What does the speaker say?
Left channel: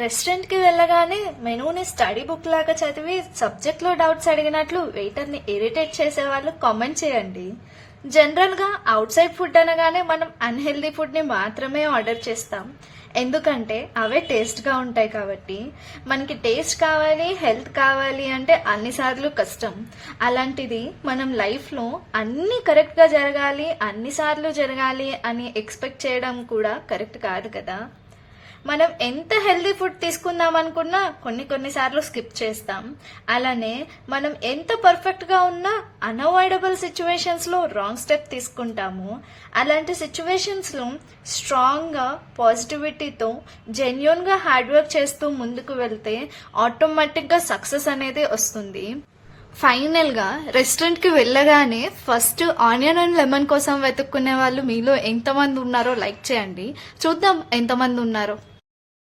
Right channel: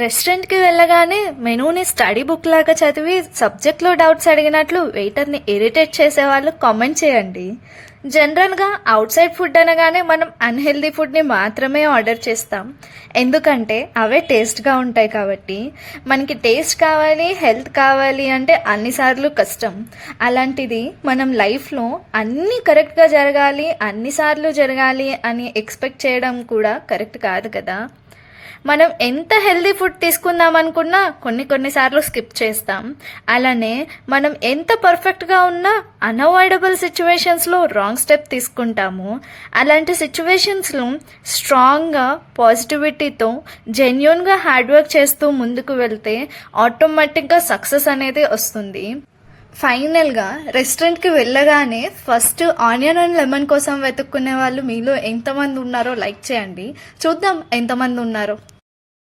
రెస్టారెంట్కి వెళ్ళగానే మెనూని study book లాగా చదివి సబ్జెక్ట్లో డౌట్స్ అడిగినట్లు వెయిటర్ని ఇరిటేట్ చేసే వాళ్ళు కామెంట్ చేయండి. జనరల్గా అవుట్ సైడ్ ఫుడ్ అనగానే మనం అన్హెల్దీ ఫుడ్ని మాత్రమే ఆర్డర్ చేస్తాం, ఎందుకంటే అవే టేస్ట్గా ఉంటాయి కాబట్టి. మనకి టేస్ట్ కావాలి, హెల్త్ కావాలి అంటే అన్నిసార్లు కష్టం. అలాంటిది మనం లైఫ్లో అన్నీ కరెక్ట్గా జరగాలి, అన్నిసార్లు జరగాలి అని ఎక్స్పెక్ట్ చేయడం కూడా కరెక్ట్ కాదు కదా. మనం ఎంత హెల్దీ ఫుడ్ తీసుకుందాం అనుకున్నా కొన్నిసార్లు స్కిప్ చేస్తాం. అలానే మనం ఎంత పర్ఫెక్ట్గా ఉన్నా అన్అవాయిడబుల్ సిచ్యువేషన్స్లో రాంగ్ స్టెప్ తీసుకుంటాము. అలాంటి సిచ్యువేషన్స్లో స్ట్రాంగ్గా పాజిటివిటీతో జెన్యూన్గా హార్డ్ వర్క్ చేస్తూ ముందుకు వెళ్తే ఆటోమేటిక్గా సక్సెస్ అనేది వస్తుంది. ఫైనల్గా రెస్టారెంట్కి వెళ్ళగానే ఫస్ట్ ఆనియన్ అండ్ లెమన్ కోసం వెతుక్కునే వాళ్ళు మీలో ఎంతమంది ఉన్నారో లైక్ చేయండి. చూద్దాం ఎంతమంది ఉన్నారో.